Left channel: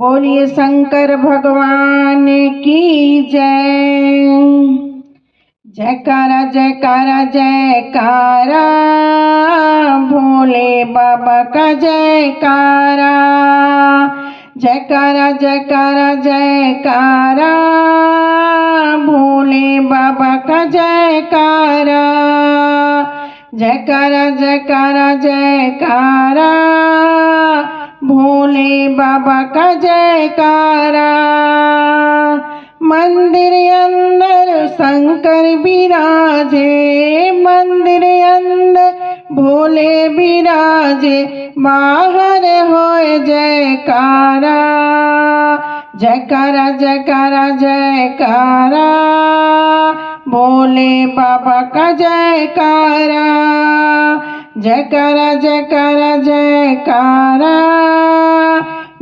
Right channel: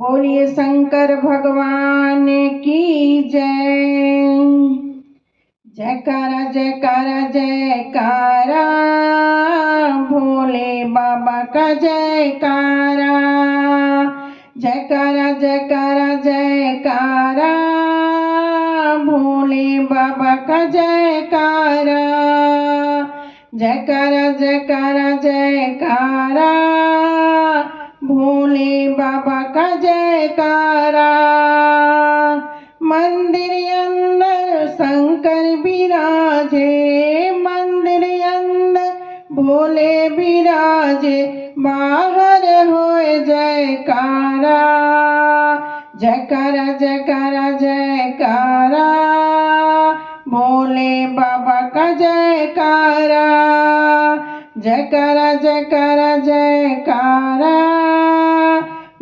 बोलिए शंकर भगवान की जय। जयकारा जयकारा जयकारा, भोले बाबा का जयकारा। जयकारा जयकारा जयकारा, भोले बाबा का जयकारा। जयकारा जयकारा जयकारा, भोले बाबा का जयकारा। मंदिर अंदर शंकर विराजे, मंदिर अंदर भोले विराजे, बाहर होए जयकारा। जयकारा जयकारा जयकारा, भोले बाबा का जयकारा। जयकारा जयकारा जयकारा,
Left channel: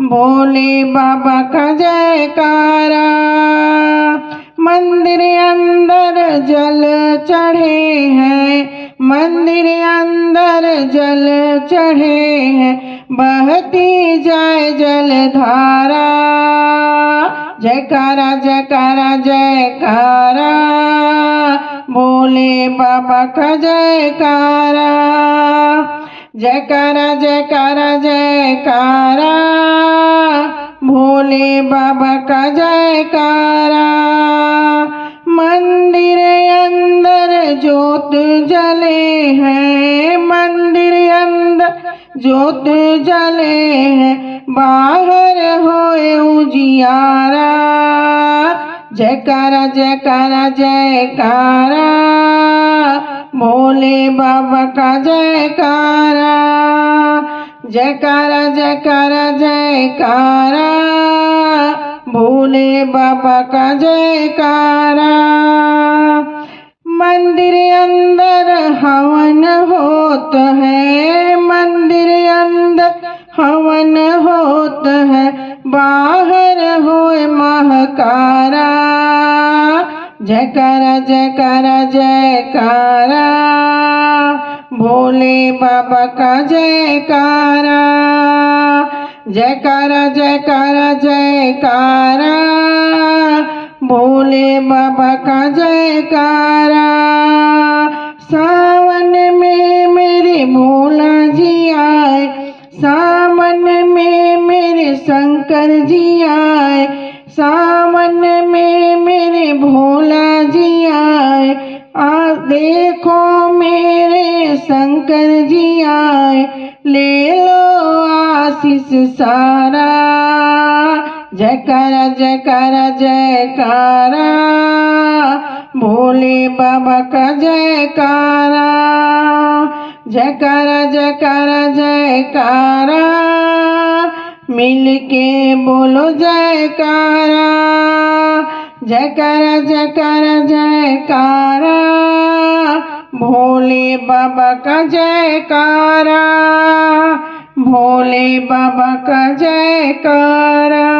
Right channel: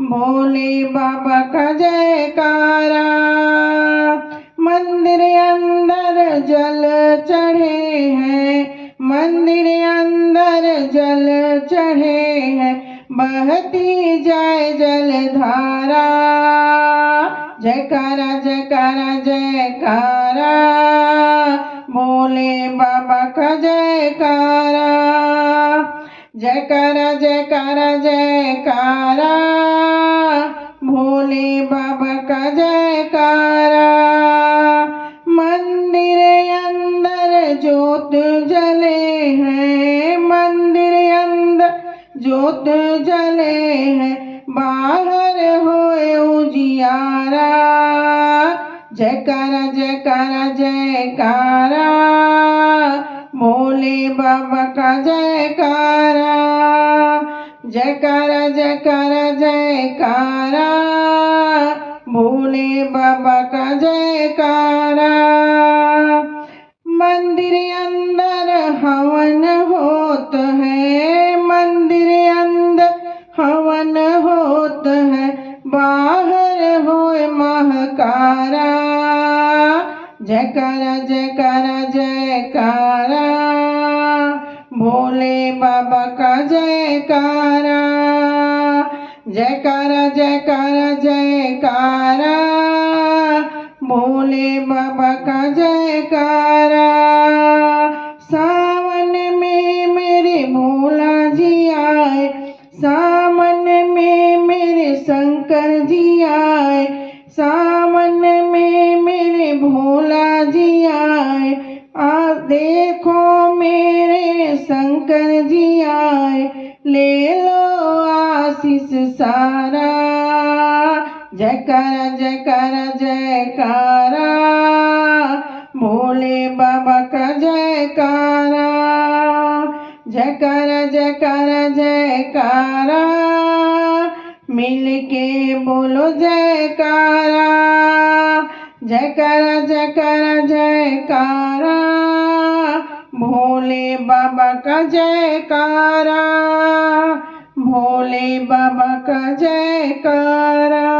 भोले बाबा का जयकारा। मंदिर अंदर जल चढ़े हैं, मंदिर अंदर जल चढ़े हैं, बहती जाए जलधारा। जयकारा जयकारा जयकारा, भोले बाबा का जयकारा। जयकारा जयकारा जयकारा, भोले बाबा का जयकारा। मंदिर अंदर ज्योत जले हैं, मंदिर अंदर ज्योत जले हैं, बाहर होए उजियारा। जयकारा जयकारा जयकारा, भोले बाबा का जयकारा। जयकारा जयकारा जयकारा, भोले बाबा का जयकारा। मंदिर अंदर हवन होत है, मंदिर अंदर हवन होत है, बाहर होए महकारा। जयकारा जयकारा जयकारा, भोले बाबा का जयकारा। जयकारा जयकारा जयकारा, भोले बाबा का जयकारा। सावन में मेरे भोला जी आए, सावन में मेरे शंकर जी आए, सावन में मेरे भोला जी आए। देखो मेरे शंकर जी आए, ले लो आशीष सारा। जयकारा जयकारा जयकारा, भोले बाबा का जयकारा। जयकारा जयकारा जयकारा, मिलके बोलो जयकारा। जयकारा जयकारा जयकारा, भोले बाबा का जयकारा। भोले बाबा का जयकारा।